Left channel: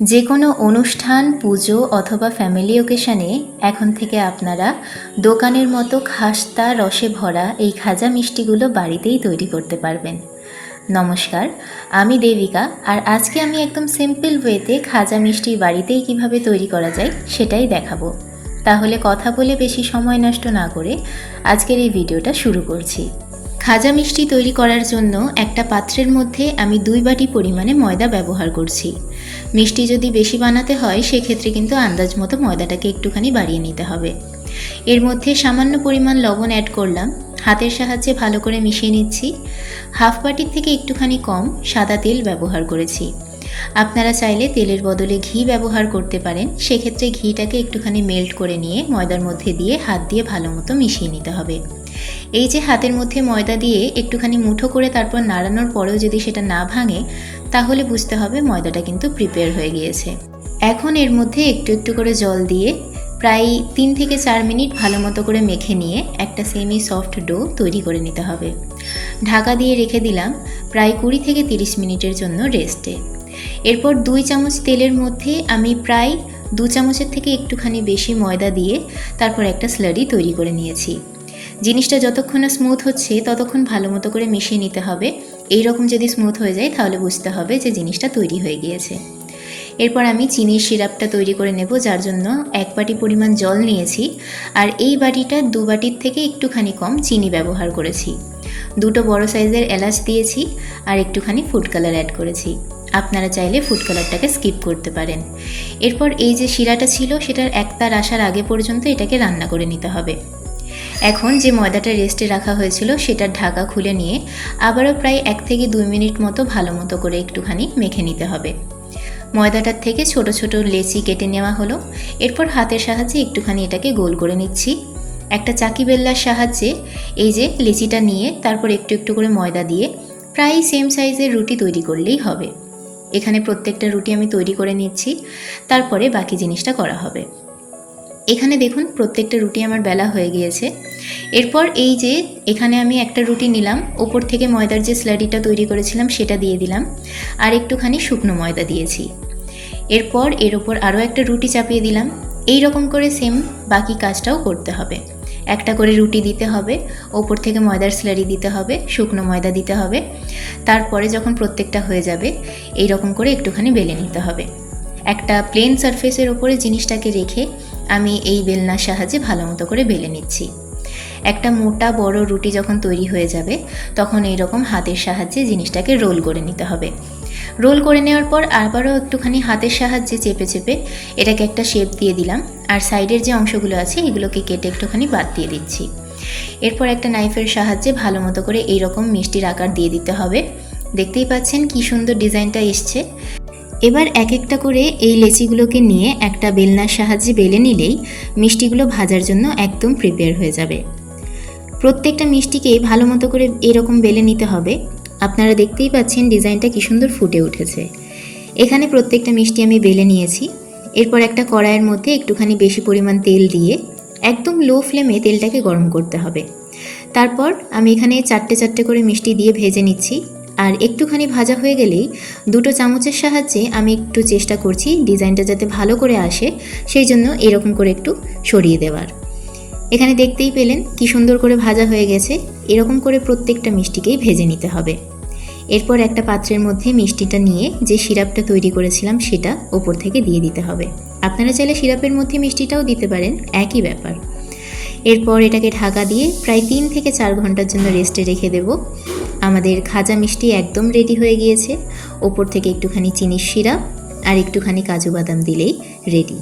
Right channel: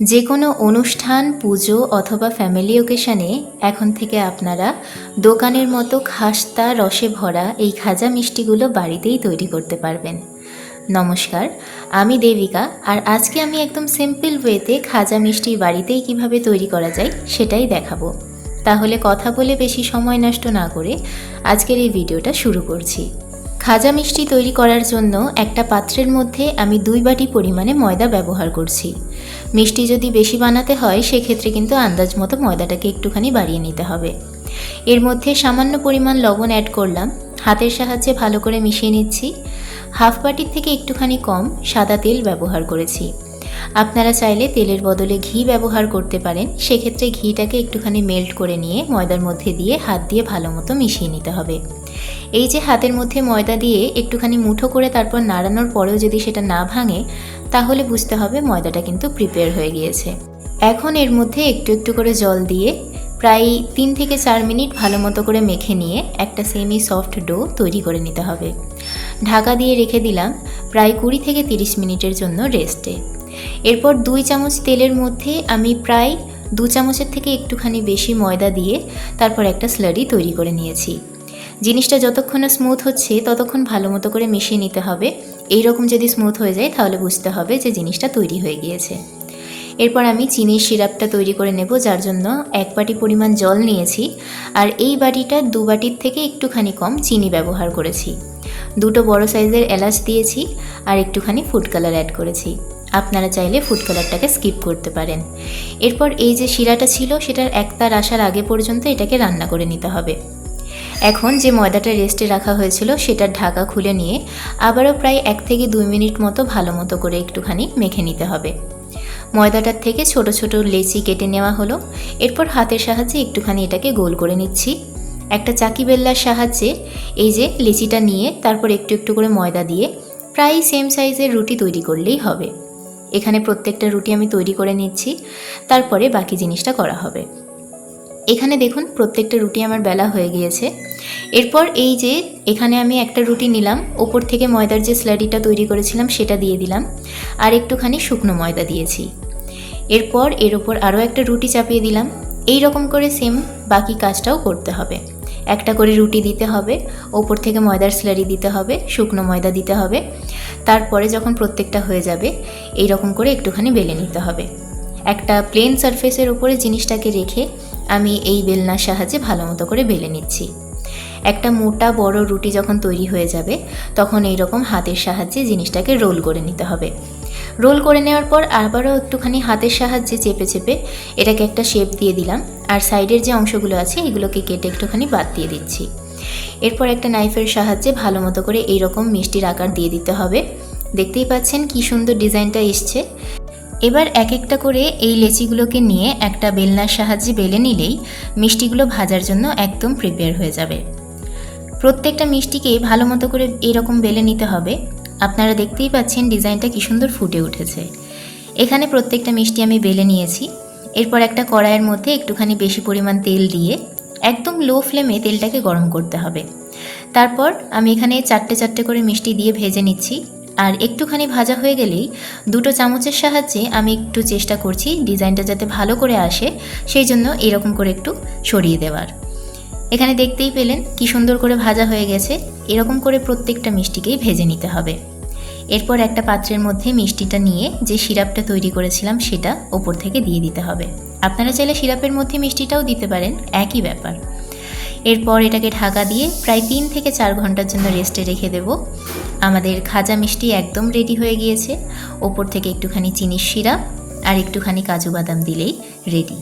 যে কোনো অনুষ্ঠান, পুজো অথবা ফ্যামিলি ওকেশনে এখন থেকে আপনারা দোকানের মতো খাস্তা রসে ভরা এই খাজা মিষ্টিগুলো বাড়িতেই তৈরি করতে পারবেন। নমস্কার, আমি দেবিকা, আর আজকে আমি একদম সিম্পল ওয়েতে খাজা মিষ্টি বাড়িতেই কিভাবে তৈরি করা যায় সেটাই দেখাবো। তাহলে কথা বলে বেশি সময় নষ্ট না করে আজকের এই ভিডিওটা শুরু করছি। খাজা মিষ্টি তৈরি করার জন্য একটা পাত্রের মধ্যে আমি 2 বাটি পরিমাণে ময়দা ব্যবহার করছি। মিষ্টি যদি বেশি বানাতে হয় সেক্ষেত্রে কিন্তু আন্দাজ মতো ময়দাটাকে একটুখানি বাড়িয়ে নিতে হবে। এর মধ্যে সামান্য পরিমাণ লবণ অ্যাড করলাম, হাতের সাহায্যে ভালো করে মিশিয়ে নিচ্ছি। হাফ বাটির থেকে একটুখানি কম সাদা তেল ব্যবহার করেছি। আপনারা চাইলে তেলের বদলে ঘি ব্যবহার করতে পারেন। সেক্ষেত্রে ঘিটাকে একটুখানি মেল্ট করে নিয়ে ময়দার মধ্যে দিয়ে হাত দিয়ে ভালো মতো মিশিয়ে নিতে হবে। এই যে হাতের মধ্যে ময়দা দিয়ে একটুখানি মুঠো করে তারপর নাড়ানোর পরেও যদি সেটা না ভাঙে, তাহলে বুঝতে হবে ময়দাটা কিন্তু প্রিপেয়ার হয়ে গিয়েছে। এখন এর মধ্যে একটু একটু করে জল দিয়ে প্রায় 3 থেকে 4 মিনিট ভালো মতো করে মেখে নিয়ে একটা সেমি সফট ডো তৈরি করে নিতে হবে। ঢাকা দিয়ে রেখে দিলাম প্রায় 20 থেকে 30 মিনিটের জন্য রেস্টে। এরপর 2 চামচ তেলের মধ্যে আমি প্রায় 2 চামচের থেকে একটুখানি বেশি ময়দা দিয়ে তারপর একটা স্লারি তৈরি করে নিয়েছি। জিনিসটা যতক্ষণ না স্মুথ হচ্ছে ততক্ষণ ভালো মতো করে মিশিয়ে নিতে হবে। এই রকম যদি স্মুথ হয়ে যায় তাহলে বুঝতে হবে যে জিনিসটা তৈরি হয়ে গিয়েছে। এরপর আমি চিনির সিরাপটা তৈরি করে নেব, যার জন্য 1 বাটি পরিমাণ জল নিয়েছি, আর এই বাটিটা 2 বাটির থেকে একটুখানি কম চিনি ব্যবহার করেছি। 2টো বড় সাইজের এলাচ দিয়েছি আর একটুখানি ফুড কালার অ্যাড করেছি। আপনারা চাইলে ফুড কালারটাকে স্কিপ করতে পারেন। এরপর এই যে শিরাটা ছিল সেটার একতার আসার আগে পর্যন্ত এটাকে রান্না করে নিতে হবে। এখন যে ময়দাটা রেস্টে রাখা হয়েছিল সেটার ঢাকা খুলে নিয়ে আবারও প্রায় 1 থেকে 2 মিনিট মতো ভালো মতো করে একটুখানি মেখে নিতে হবে। ময়দাটার থেকে ছোট ছোট লেচি কেটে নেওয়া হলো। এরপর হাতের সাহায্যে একটুখানি এটাকে গোল করে নিচ্ছি। একটা চাকি বেল্লার সাহায্যে এই যে লেচিটা নিয়ে তারপর একটু একটু করে ময়দা দিয়ে প্রায় সেম সাইজের রুটি তৈরি করলেই হবে। এখানে প্রত্যেকটা রুটি আমি তৈরি করে নিচ্ছি, তারপরে বাকি জিনিসটা করা হবে। এখানে দেখুন প্রত্যেকটা রুটি আমার বেলা হয়ে গিয়েছে। এরপর এই যে এখানে আমি একটা রুটি নিলাম, ওপর থেকে ময়দার যে স্লারিটা তৈরি করেছিলাম সেটা দিয়ে দিলাম, আর একটুখানি শুকনো ময়দা দিয়েছি। এরপর এর ওপর আরও একটা রুটি চাপিয়ে দিলাম। এই রকম করে সেম বাকি কাজটাও করতে হবে। একটা করে রুটি দিতে হবে, ওপর থেকে ময়দার স্লারি দিতে হবে, শুকনো ময়দা দিতে হবে। তারপরে যখন প্রত্যেকটা হয়ে যাবে এই রকম করে একটুখানি বেলে নিতে হবে। একটা প্লেন সারফেসের ওপরে জিনিসটাকে রেখে আমি এই বেলনার সাহায্যে ভালো মতো করে বেলে নিচ্ছি। একটা মোটা বড় রুটি যখন তৈরি হয়ে যাবে তখন এইরকম হাতের সাহায্যে জিনিসটাকে রোল করে নিতে হবে। রোল করে নেওয়ার পর আবারও একটুখানি হাতের সাহায্যে চেপে চেপে এটাকে একটা শেপ দিয়ে দিলাম, আর সাইডের যে অংশগুলো আছে এগুলোকে কেটে একটুখানি বাদ দিয়ে দিচ্ছি। এরপর একটা নাইফের সাহায্যে ভালো মতো করে এইরকম মিষ্টির আকার দিয়ে দিতে হবে। দেখতেই পাচ্ছেন কি সুন্দর ডিজাইনটা এসছে। এবার এক একটা করে এই লেচিগুলোকে নিয়ে একটা বেলনার সাহায্যে বেলে নিলেই মিষ্টিগুলো ভাজার জন্য একদম প্রিপেয়ার হয়ে যাবে। প্রত্যেকটা মিষ্টিকে ভালো মতো করে এরকম বেলে নিতে হবে। আপনারা দেখতেই পাচ্ছেন ডিজাইনটা কি সুন্দর ফুটে উঠেছে। এখানে প্রত্যেকটা মিষ্টি আমি বেলে নিয়েছি। এরপর একটা কড়াইয়ের মধ্যে একটুখানি বেশি পরিমাণ তেল দিয়ে একদম লো ফ্লেমে তেলটাকে গরম করতে হবে। তারপর আমি এখানে 4টে করে মিষ্টি দিয়ে ভেজে নিচ্ছি, আর একটুখানি ভাজা হয়ে গেলেই 2টো চামচের সাহায্যে আমি একটু চেষ্টা করছি ডিজাইনটা যাতে ভালো করে আসে, সেই জন্য এরকম করে একটু সরিয়ে দেওয়ার। এখানে দেখতেই পেলেন কি সুন্দর করে ভাজা হয়ে গেছে। এরকম করে প্রত্যেকটা মিষ্টিকেই ভেজে নিতে হবে। এরপর একটা পাত্রের মধ্যে মিষ্টিটা নিয়ে যে সিরাপটা তৈরি করেছিলাম সেটা ওপর থেকে দিয়ে দিতে হবে। আপনারা চাইলে সিরাপের মধ্যে মিষ্টিটাও দিতে পারেন, একই ব্যাপার। এরপর এটাকে ঢাকা দিয়ে প্রায় 3 থেকে 4 ঘন্টার জন্য রেস্টে রেখে দেব। আমাদের খাজা মিষ্টি একদম রেডি হয়ে গিয়েছে। ওপর থেকে একটুখানি চিনির সিরাপ আর একটুখানি কাজু বাদাম দিলেই রেডি।